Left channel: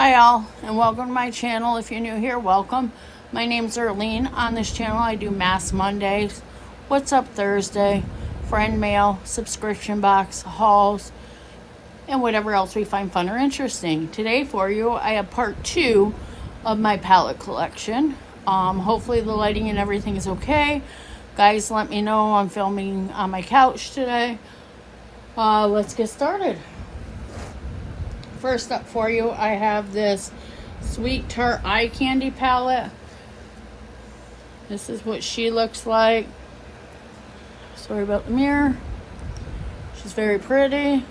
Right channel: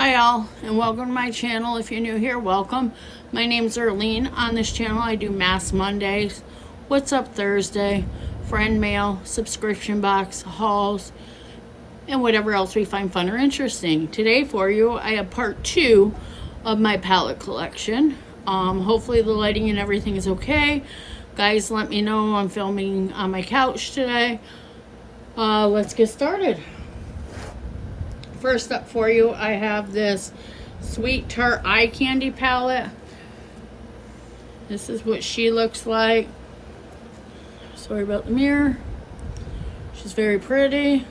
Hi all, and welcome to my channel. If you're new here, welcome. My name's Erlene. On this channel I do Mass Mondays, What's Up Thursday, friend mail, subscription box, hauls, and whatever else we find fun or interesting. Today for you I have part 2 of my palette collection. Hopefully the lighting and everything is okay. Guys, let me know. I'm filming on my couch today. Let's get started. First up for you, I have this Sweet Tart Eye Candy palette. This is what she looks like. Sorry about the mirror. She's very pretty.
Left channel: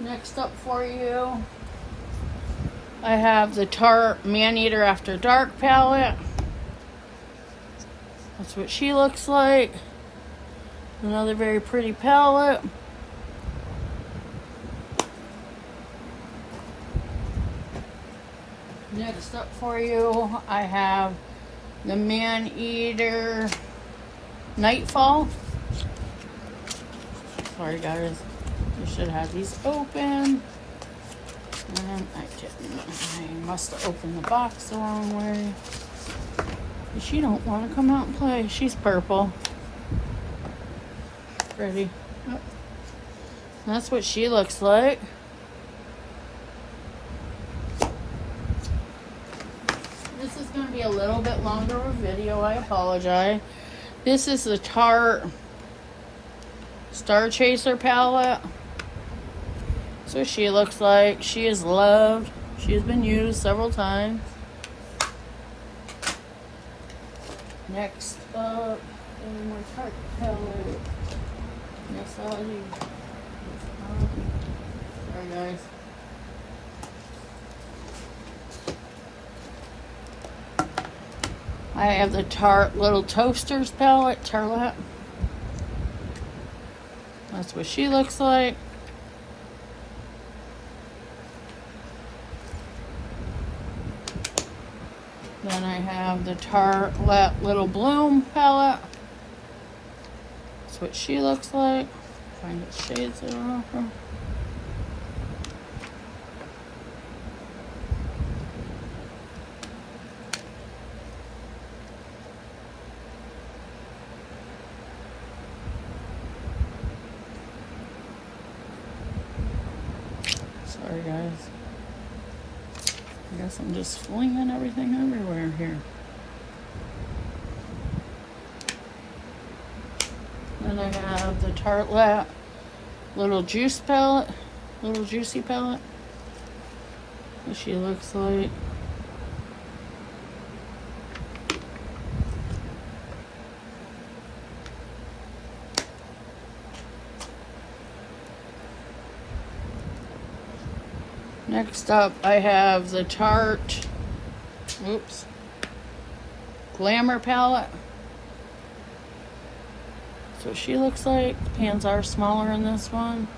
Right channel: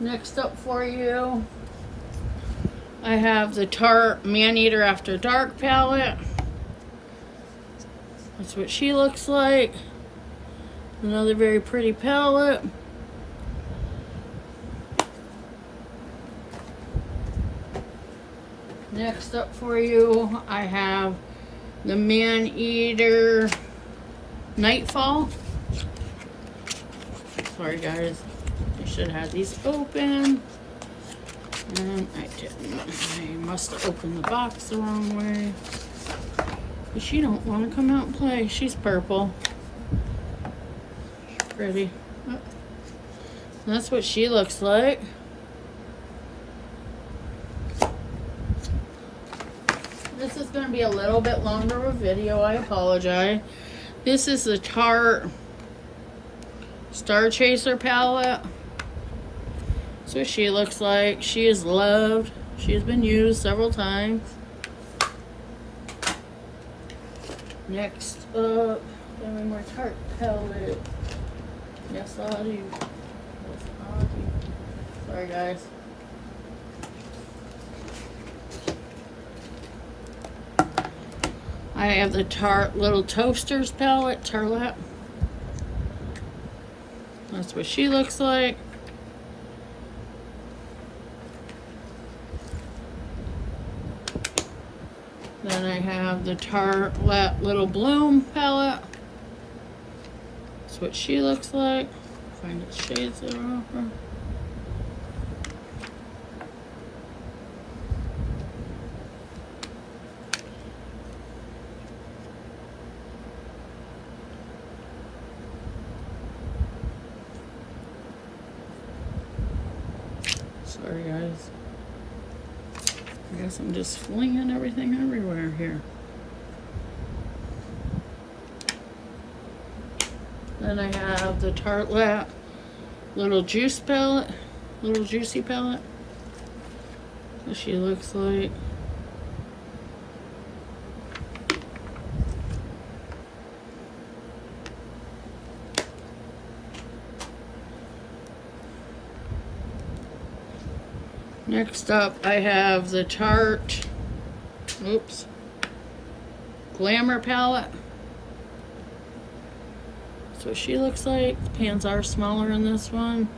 Next up for you, I have the Tarte Maneater After Dark palette. That's what she looks like. Another very pretty palette. Next up for you, I have the Maneater Nightfall. Sorry guys, I should have these open. And I didn't. I must have opened the box the wrong way. But she don't want to come out and play. She's purple. Pretty. Oh. That's what she looks like. This is going to be a little bit longer of a video. I apologize. This is the Tarte Star Chaser palette. That's what she looks like. She is loved. She has been used several times. Next up, one more Tarte palette. Yes, Audie. Yes, Audie. Sorry, guys. I have the Tarte Little Toasters palette, Tarlette. That's what she looks like. Then I have the Tarlette Little Bloom palette. That's what she looks like. Find its shades that are off. Sorry guys. I guess I'm just flinging everything everywhere here. Then I have the Tarlette Little Juice palette, Little Juicy palette. What she looks like. Next up, I have the Tarte, Glamour palette. That's what she looks like. The pans are smaller in this one.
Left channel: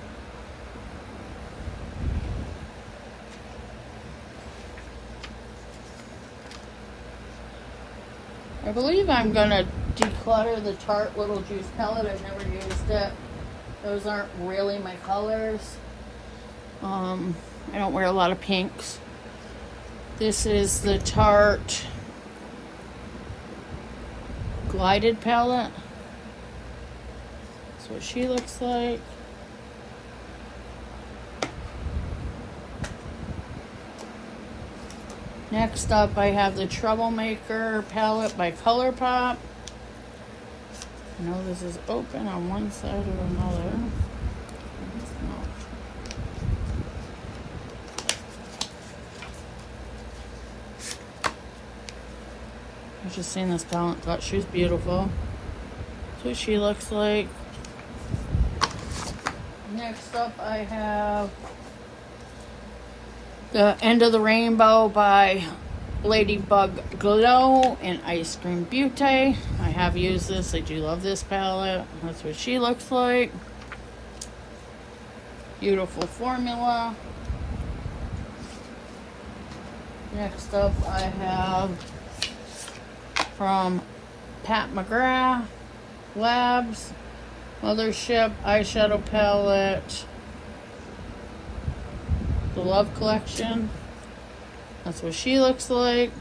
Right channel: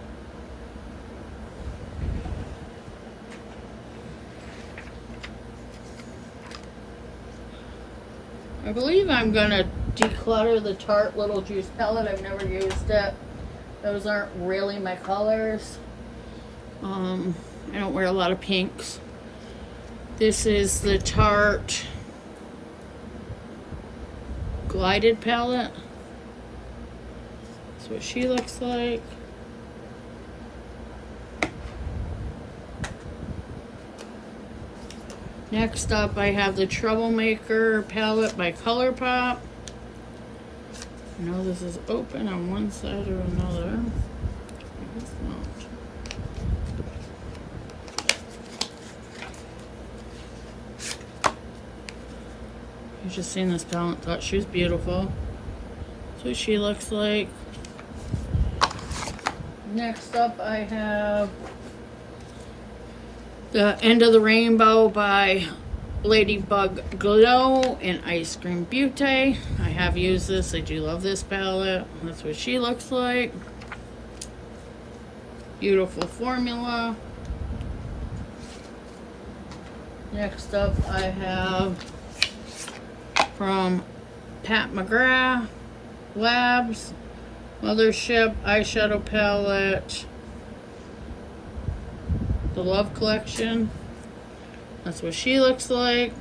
I believe I'm gonna declutter the Tarte Little Juice palette. I've never used it. Those aren't really my colors. I don't wear a lot of pinks. This is the Tarte Glided palette. That's what she looks like. Next up, I have the Troublemaker palette by ColourPop. I know this is open on one side or another. It's not. I just seen this palette, thought she was beautiful. That's what she looks like. Next up, I have the End of the Rainbow by Ladybug Glow and Ice Cream Beauty. I have used this. I do love this palette. That's what she looks like. Beautiful formula. Next up, I have from Pat McGrath Labs Mothership eyeshadow palette. The Love Collection. That's what she looks like.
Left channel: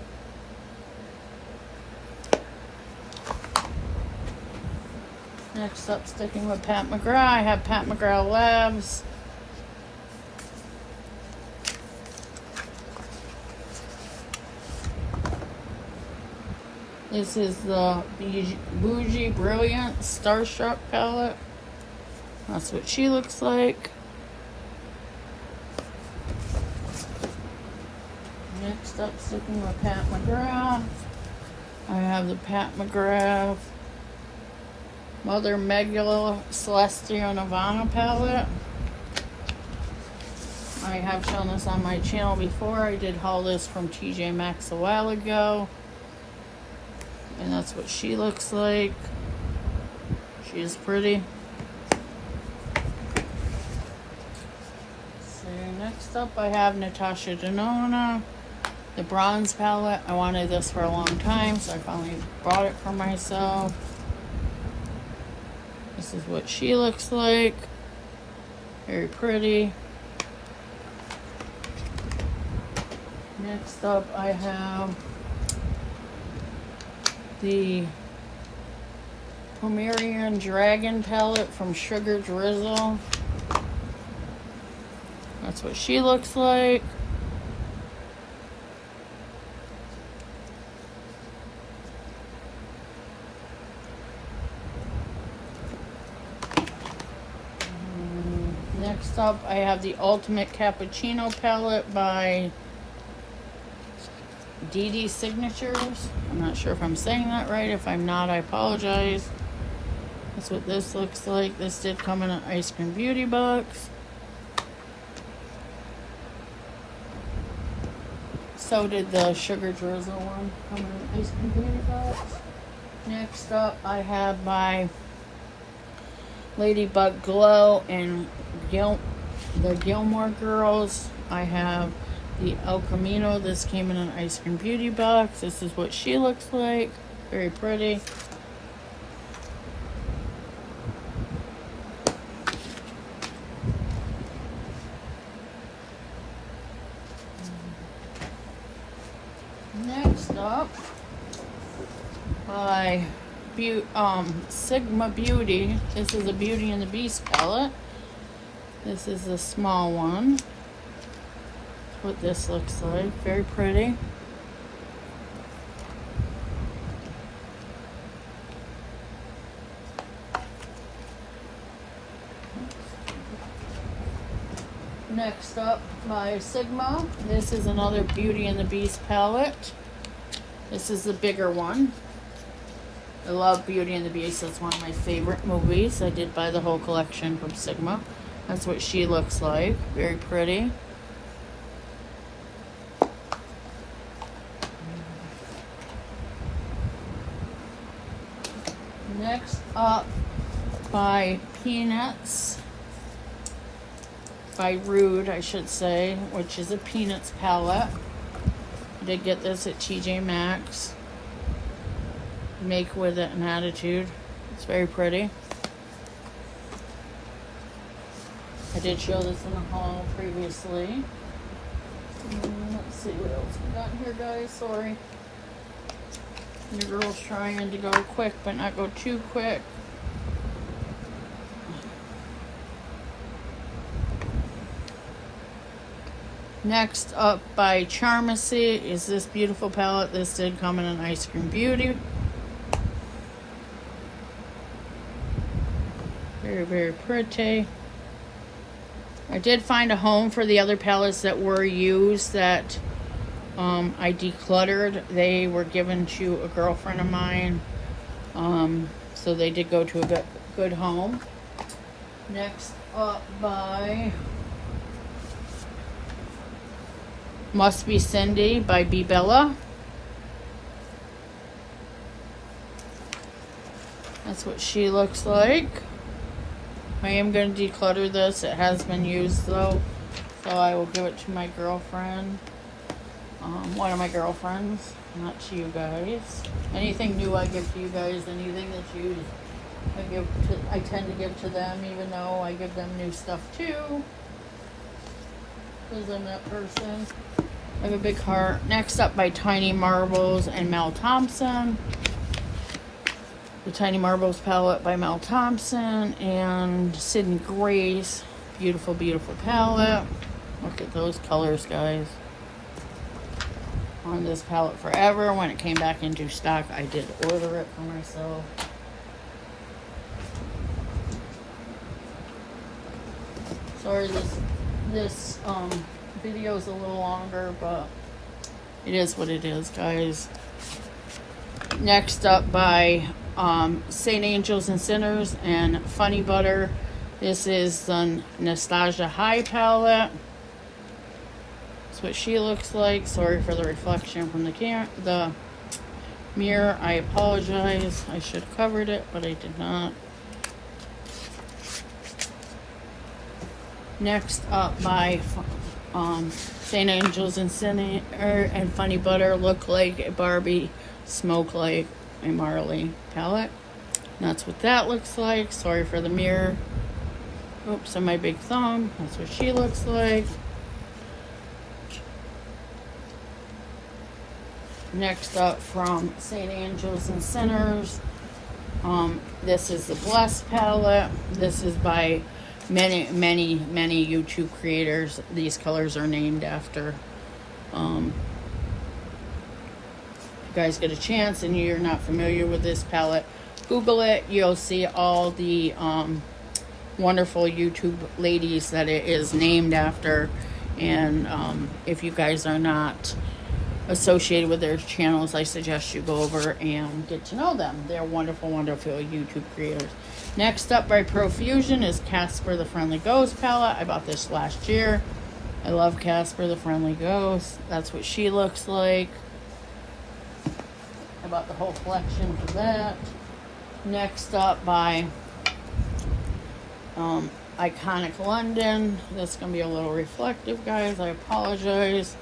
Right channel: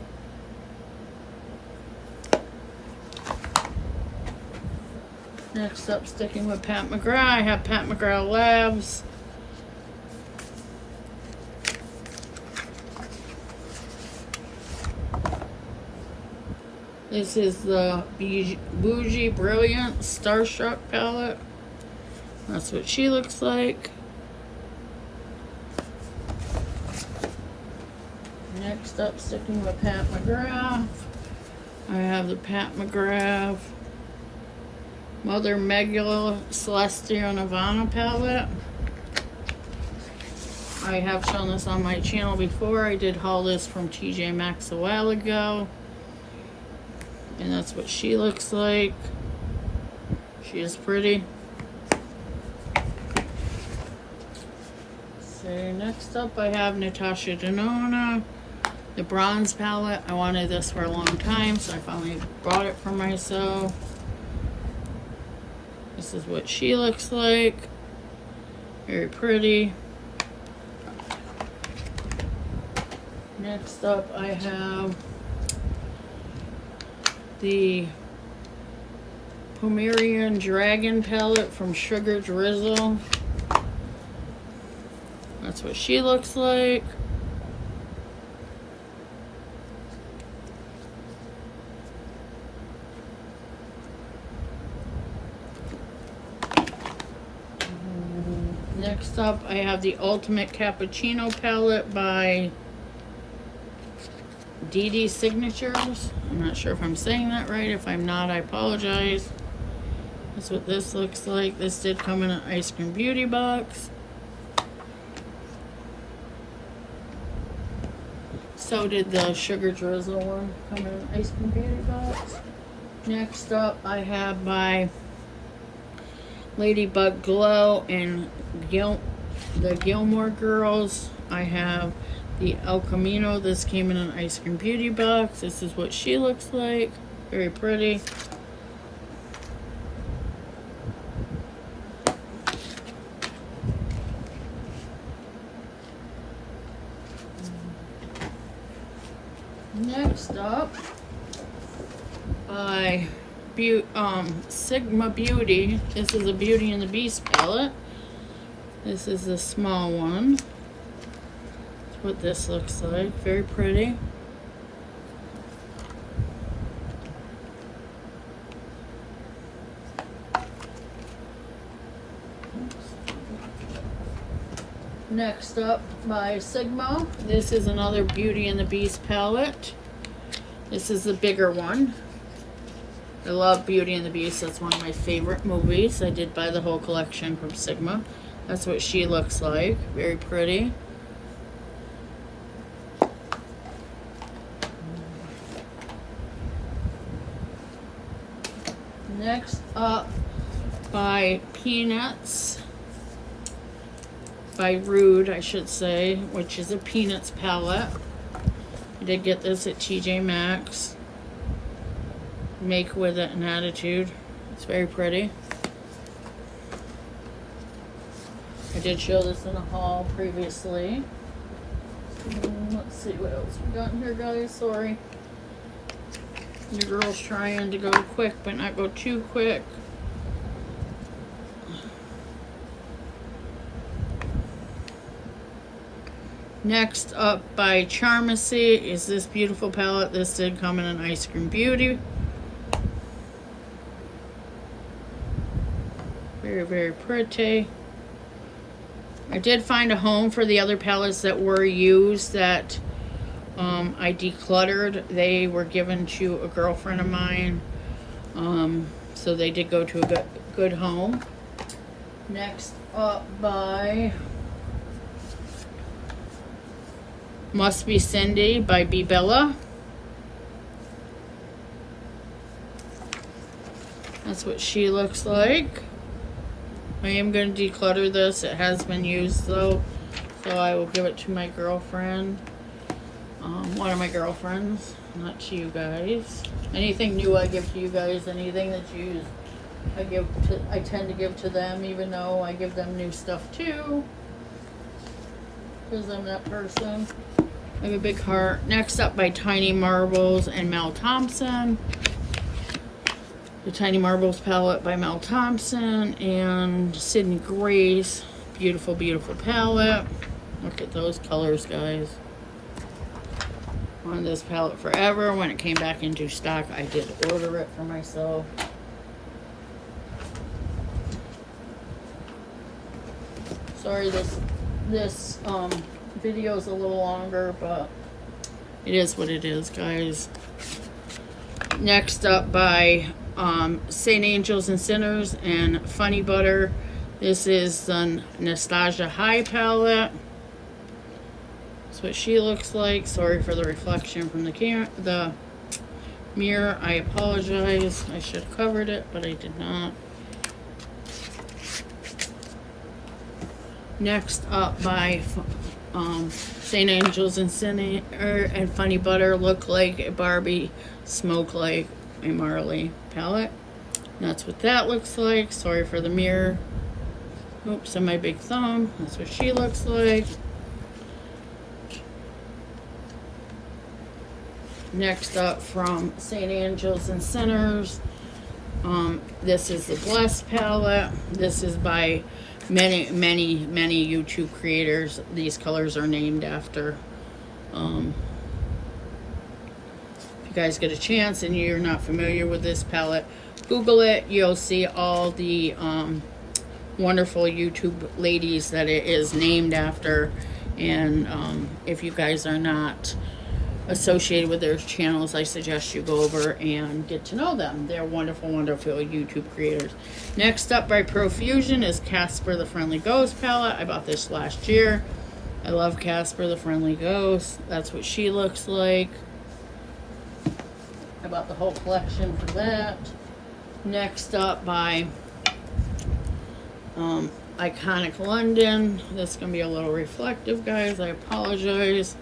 Next up, sticking with Pat McGrath, I have Pat McGrath Labs. This is the Bougie Brilliant Starstruck palette. That's what she looks like. Next up, sticking with Pat McGrath, I have the Pat McGrath Mother Megula Celestial Nirvana palette. I have shown this on my channel before. I did haul this from TJ Maxx a while ago. And that's what she looks like. She is pretty. So next up I have Natasha Denona, the bronze palette. I wanted this for a long time, so I finally bought it for myself. This is what she looks like. Very pretty. Next up I have the Pomerian Dragon palette from Sugar Drizzle. That's what she looks like. Next up, I have the Ultimate Cappuccino palette by DD Signatures. I'm not sure if I'm saying that right. If I'm not, I apologize. That's what this looks like. This did come in an Ice Cream Beauty box. So did the Sugar Drizzle one come in an Ice Cream Beauty box. Next up, I have my Ladybug Glow and the Gilmore Girls. I have the El Camino. This came in an Ice Cream Beauty box. This is what she looks like. Very pretty. Next up, Sigma Beauty. This is a Beauty and the Beast palette. This is the small one. That's what this looks like. Very pretty. Next up by Sigma. This is another Beauty and the Beast palette. This is the bigger one. I love Beauty and the Beast. That's one of my favorite movies. I did buy the whole collection from Sigma. That's what she looks like. Very pretty. Next up by Peanuts. By Rude, I should say, which is a Peanuts palette. I did get this at TJ Maxx. Make with it an attitude. It's very pretty. I did show this in a haul previously. Let's see what else we got here, guys. Sorry. Your girl's trying to go quick, but not go too quick. Next up by Charmacy is this beautiful palette. This did come in an Ice Cream Beauty. Very, very pretty. I did find a home for the other palettes that were used that I decluttered. They were given to a girlfriend of mine. So they did go to a good home. Next up by Must Be Cindy by B. Bella. That's what she looks like. I am going to declutter this. It has been used though, so I will give it to my girlfriend. One of my girlfriends, not to you guys. Anything new I give to you guys, anything that's used I tend to give to them, even though I give them new stuff too, because I'm that person. I have a big heart. Next up by Tiny Marbles and Mel Thompson. The Tiny Marbles palette by Mel Thompson and Sydney Grace. Beautiful, beautiful palette. Look at those colors, guys. On this palette forever. When it came back into stock, I did order it for myself. Sorry, this video is a little longer, but it is what it is, guys. Next up by Saint Angels and Sinners and Funny Butter. This is the Nastasia High palette. That's what she looks like. Sorry for the reflection from the mirror. I apologize. I should have covered it, but I did not. Next up by Saint Angels and Sinner and Funny Butter, Look Like a Barbie, Smoke Like a Marley palette. And that's what that looks like. Sorry for the mirror. Oops, and my big thumb. That's what she looks like. Next up from Saint Angels and Sinners. This is the Blessed palette. This is by many YouTube creators. These colors are named after. If you guys get a chance and you're not familiar with this palette, Google it. You'll see all the wonderful YouTube ladies that it is named after. And if you guys are not associated with their channels, I suggest you go over and get to know them. They're wonderful, wonderful YouTube creators. Next up by Profusion is Casper the Friendly Ghost palette. I bought this last year. I love Casper the Friendly Ghost. That's what she looks like. I bought the whole collection for that. Next up by Iconic London. This is going to be a little reflective, guys. I apologize.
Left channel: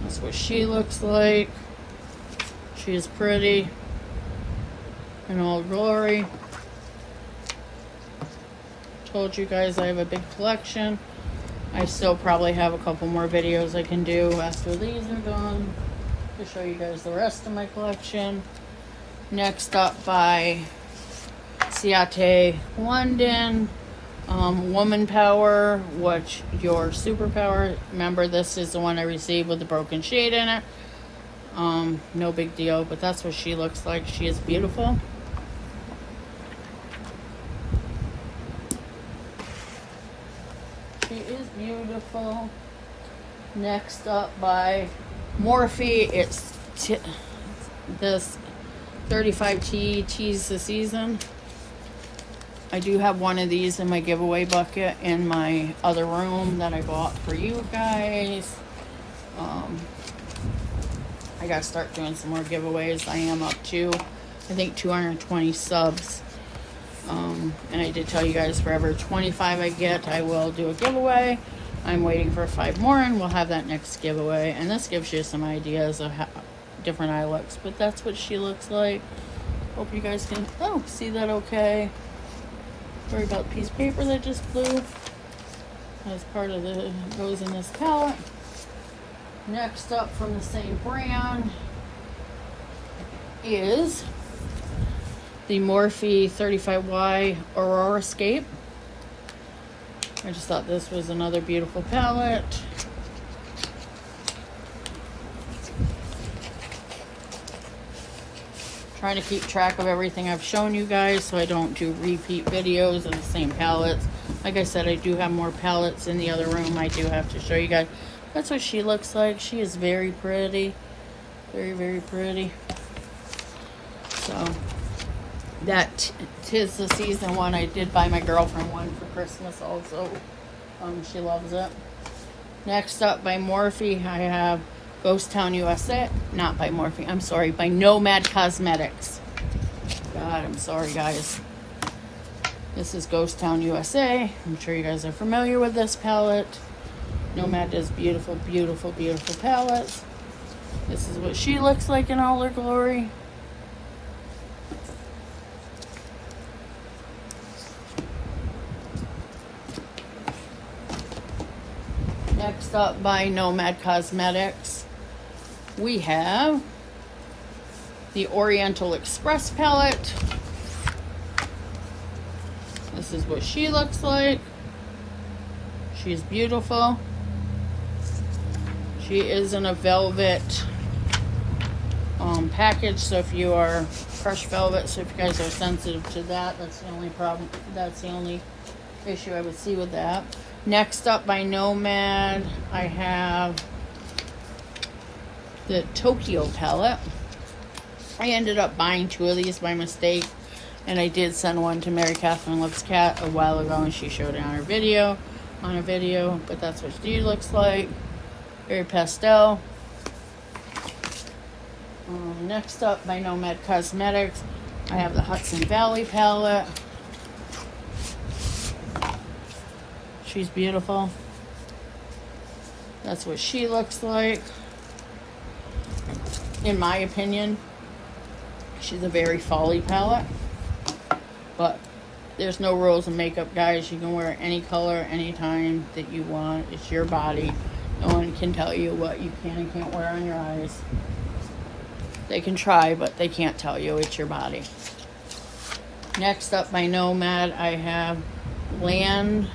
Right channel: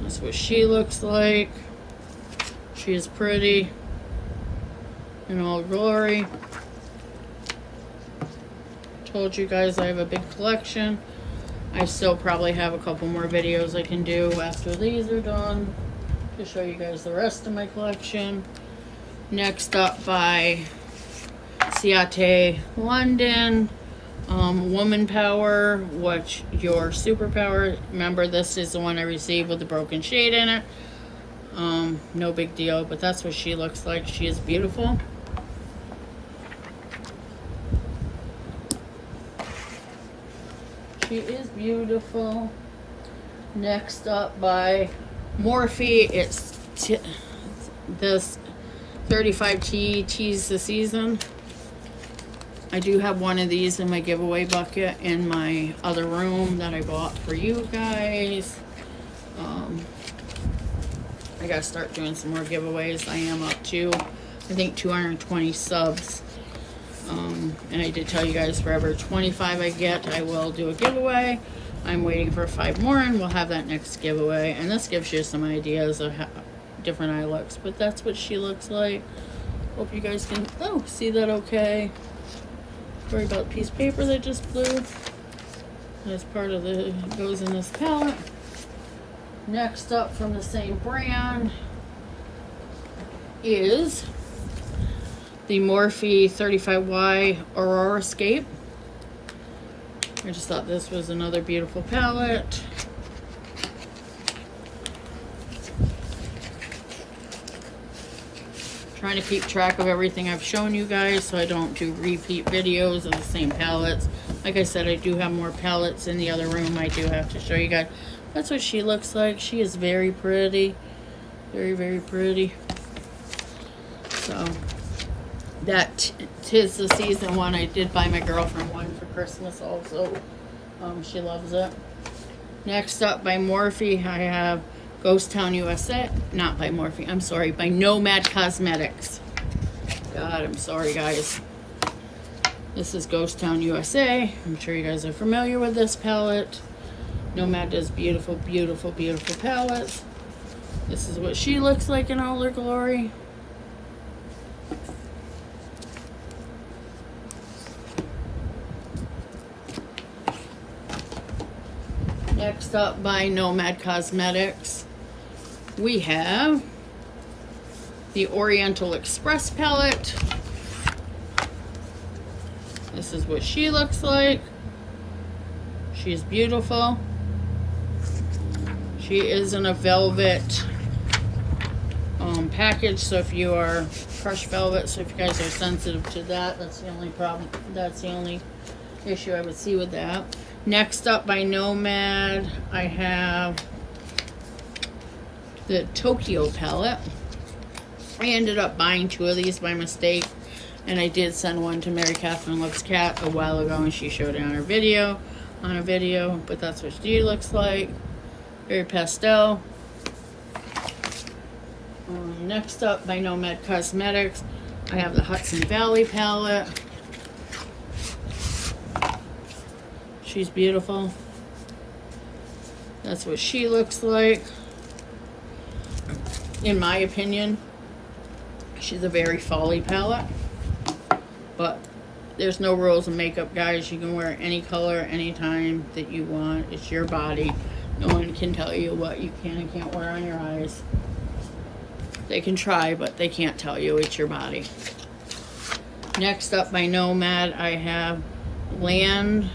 That's what she looks like. She is pretty in all glory. Told you guys I have a big collection. I still probably have a couple more videos I can do after these are done to show you guys the rest of my collection. Next up by Ciate London. Woman Power, what's your superpower? Remember, this is the one I received with the broken shade in it. No big deal, but that's what she looks like. She is beautiful. She is beautiful. Next up by Morphe, it's this 35T Tease the Season. I do have one of these in my giveaway bucket in my other room that I bought for you guys. I gotta start doing some more giveaways. I am up to, I think, 220 subs. And I did tell you guys for every 25 I get, I will do a giveaway. I'm waiting for 5 more and we'll have that next giveaway. And this gives you some ideas of how different eye looks. But that's what she looks like. Hope you guys can, see that okay. Sorry about the piece of paper that just flew. As part of the, goes in this palette. Next up from the same brand is the Morphe 35Y Aurora Scape. I just thought this was another beautiful palette. Trying to keep track of everything I've shown you guys so I don't do repeat videos of the same palettes. Like I said, I do have more palettes in the other room I do have to show you guys. That's what she looks like. She is very pretty. Very, very pretty. So, that Tis the Season one. I did buy my girlfriend one for Christmas also. She loves it. Next up by Morphe, I have Ghost Town USA. Not by Morphe, I'm sorry, by Nomad Cosmetics. God, I'm sorry, guys. This is Ghost Town USA. I'm sure you guys are familiar with this palette. Nomad does beautiful, beautiful, beautiful palettes. This is what she looks like in all her glory. Next up by Nomad Cosmetics, we have the Oriental Express palette. This is what she looks like. She's beautiful. She is in a velvet package, so if you are crushed velvet, so if you guys are sensitive to that, that's the only problem. That's the only issue I would see with that. Next up by Nomad, I have the Tokyo palette. I ended up buying 2 of these by mistake, and I did send one to Mary Catherine Loves Cat a while ago, and she showed it on her video, but that's what she looks like. Very pastel. Next up by Nomad Cosmetics, I have the Hudson Valley palette. She's beautiful. That's what she looks like. In my opinion, she's a very folly palette. But there's no rules in makeup, guys. You can wear any color, anytime that you want. It's your body. No one can tell you what you can and can't wear on your eyes. They can try, but they can't tell you. It's your body. Next up by Nomad, I have Land,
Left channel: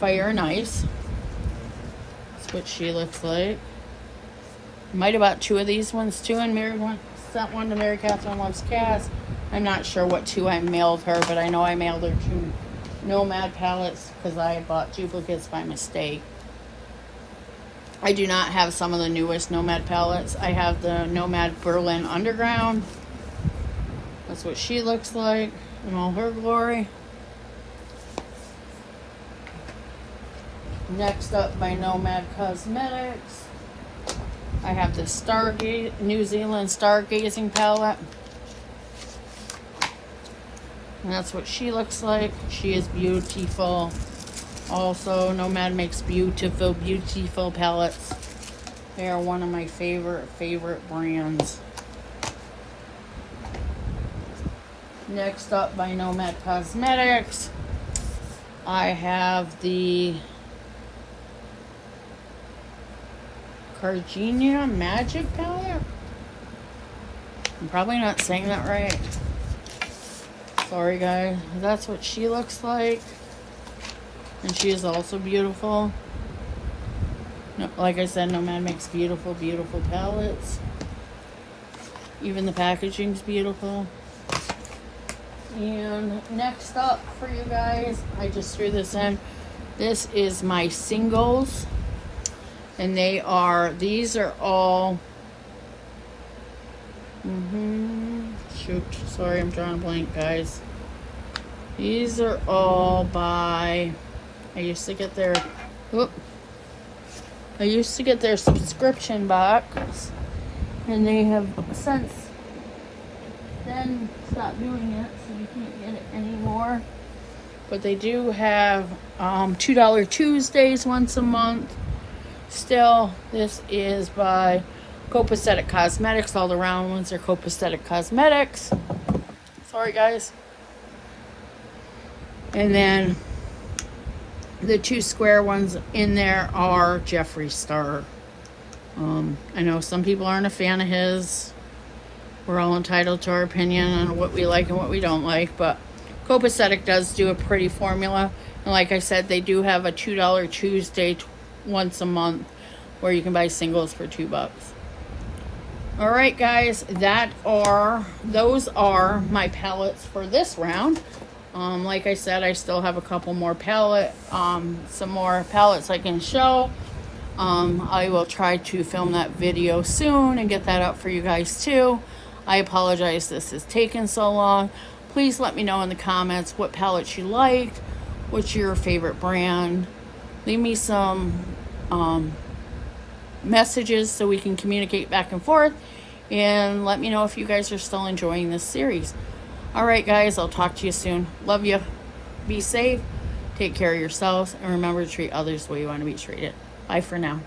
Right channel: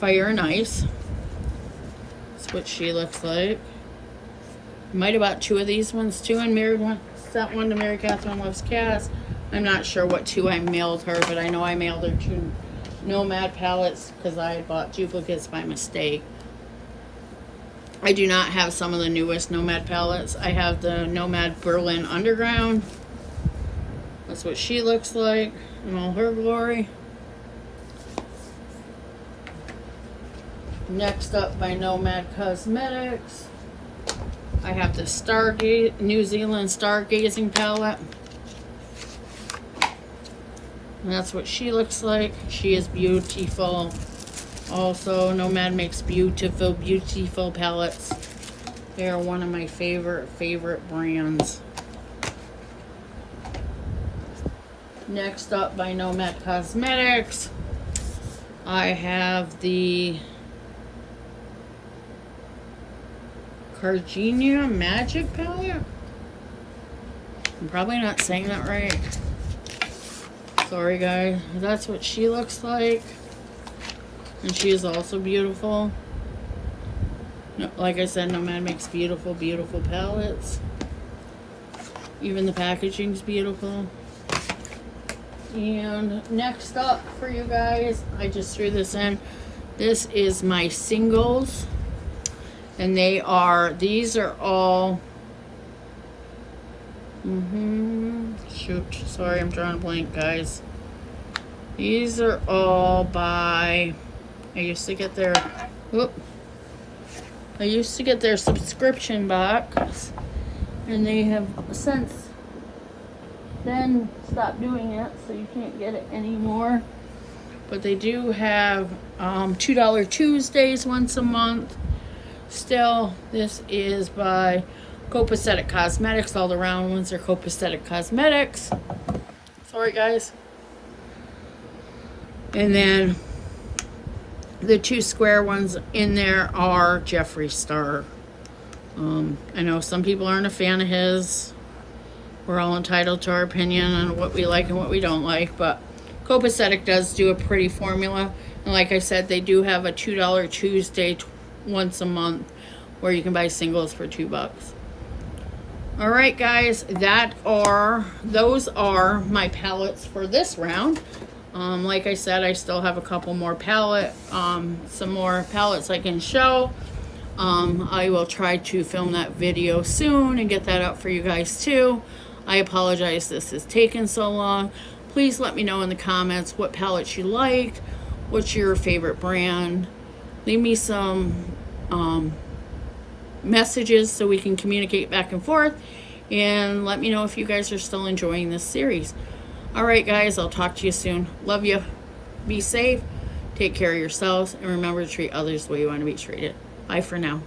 Fire, and Ice. That's what she looks like. Might have bought 2 of these ones too, and sent one to Mary Catherine Loves Cats. I'm not sure what 2 I mailed her, but I know I mailed her 2 Nomad palettes because I had bought duplicates by mistake. I do not have some of the newest Nomad palettes. I have the Nomad Berlin Underground. That's what she looks like in all her glory. Next up by Nomad Cosmetics, I have the New Zealand Stargazing palette. And that's what she looks like. She is beautiful. Also, Nomad makes beautiful, beautiful palettes. They are one of my favorite brands. Next up by Nomad Cosmetics, I have the Gardenia Magic palette. I'm probably not saying that right. Sorry guys. That's what she looks like. And she is also beautiful. Like I said, Nomad makes beautiful, beautiful palettes. Even the packaging's beautiful. And next up for you guys, I just threw this in. This is my singles. And these are all, shoot, sorry, I'm drawing a blank, guys. These are all by, I used to get their subscription box, and they have since then stopped doing it, so you can't get it anymore. But they do have $2 Tuesdays once a month. Still, this is by Copacetic Cosmetics. All the round ones are Copacetic Cosmetics. Sorry, guys. And then the 2 square ones in there are Jeffree Star. I know some people aren't a fan of his. We're all entitled to our opinion on what we like and what we don't like, but Copacetic does do a pretty formula. And like I said, they do have a $2 Tuesday once a month where you can buy singles for $2. All right, guys, those are my palettes for this round. Like I said, I still have a couple more some more palettes I can show. I will try to film that video soon and get that out for you guys too. I apologize this has taken so long. Please let me know in the comments what palettes you like, what's your favorite brand. Leave me some messages so we can communicate back and forth, and let me know if you guys are still enjoying this series. All right, guys, I'll talk to you soon. Love you. Be safe. Take care of yourselves, and remember to treat others the way you want to be treated. Bye for now.